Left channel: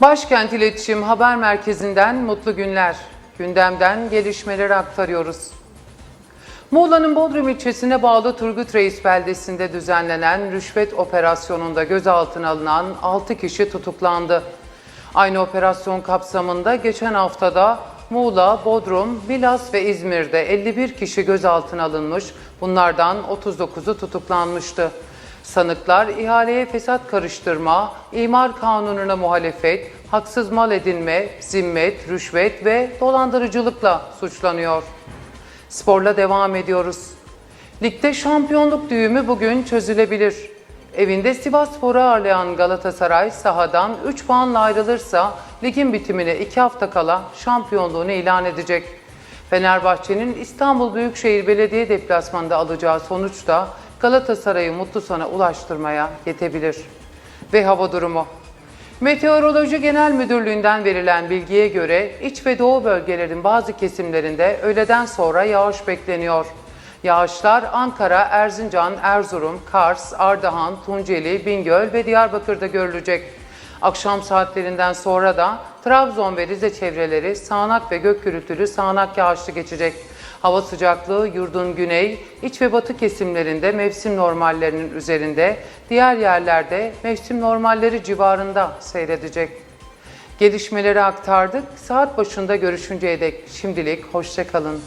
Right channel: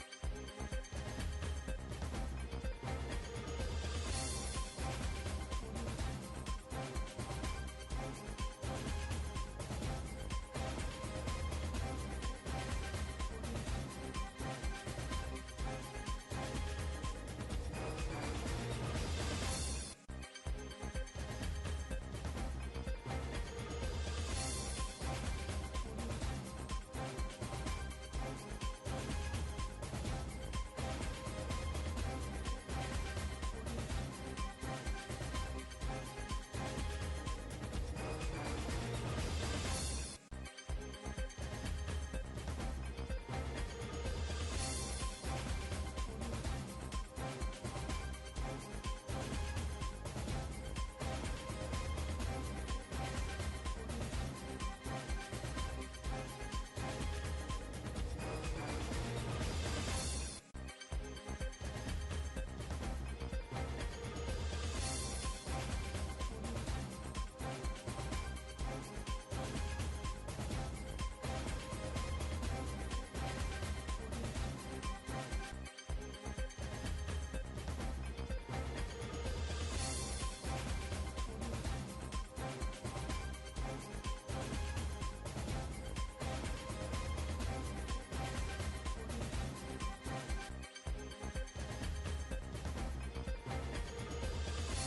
Başkent İletişim Haber Merkezi'nden mutlu günler. Gündemden gelişmeleri aktarıyoruz. Muğla'nın Bodrum ilçesine bağlı Turgut Reis beldesinde düzenlenen rüşvet operasyonunda gözaltına alınan 6 kişi tutuklandı. Aynı operasyon kapsamında geçen haftada Muğla, Bodrum, Milas ve İzmir'de 51 kişi gözaltına alınmış, bunlardan 39'u tutuklanmıştı. Sanıklar ihaleye fesat karıştırma, imar kanununa muhalefet, haksız mal edinme, zimmet, rüşvet ve dolandırıcılıkla suçlanıyor. Sporla devam ediyoruz. Ligde şampiyonluk düğümü bugün çözülebilir. Evinde Sivasspor'u ağırlayan Galatasaray sahadan 3 puanla ayrılırsa ligin bitimine 2 hafta kala şampiyonluğunu ilan edecek. Fenerbahçe'nin İstanbul Büyükşehir Belediye deplasmanında alacağı sonuç da Galatasaray'ı mutlu sona ulaştırmaya yetebilir. Ve hava durumu. Meteoroloji Genel Müdürlüğü'nden verilen bilgiye göre iç ve doğu bölgelerin bazı kesimlerinde öğleden sonra yağış bekleniyor. Yağışlar Ankara, Erzincan, Erzurum, Kars, Ardahan, Tunceli, Bingöl ve Diyarbakır'da görülecek. Akşam saatlerinden sonra da Trabzon ve Rize çevreleri sağanak ve gök gürültülü sağanak yağışlı geçecek. Hava sıcaklığı yurdun güney, iç ve batı kesimlerinde mevsim normallerinin üzerinde, diğer yerlerde mevsim normalleri civarında seyredecek. Gelişmeleri aktardık. Saat başında görüşünceye dek şimdilik hoşçakalın.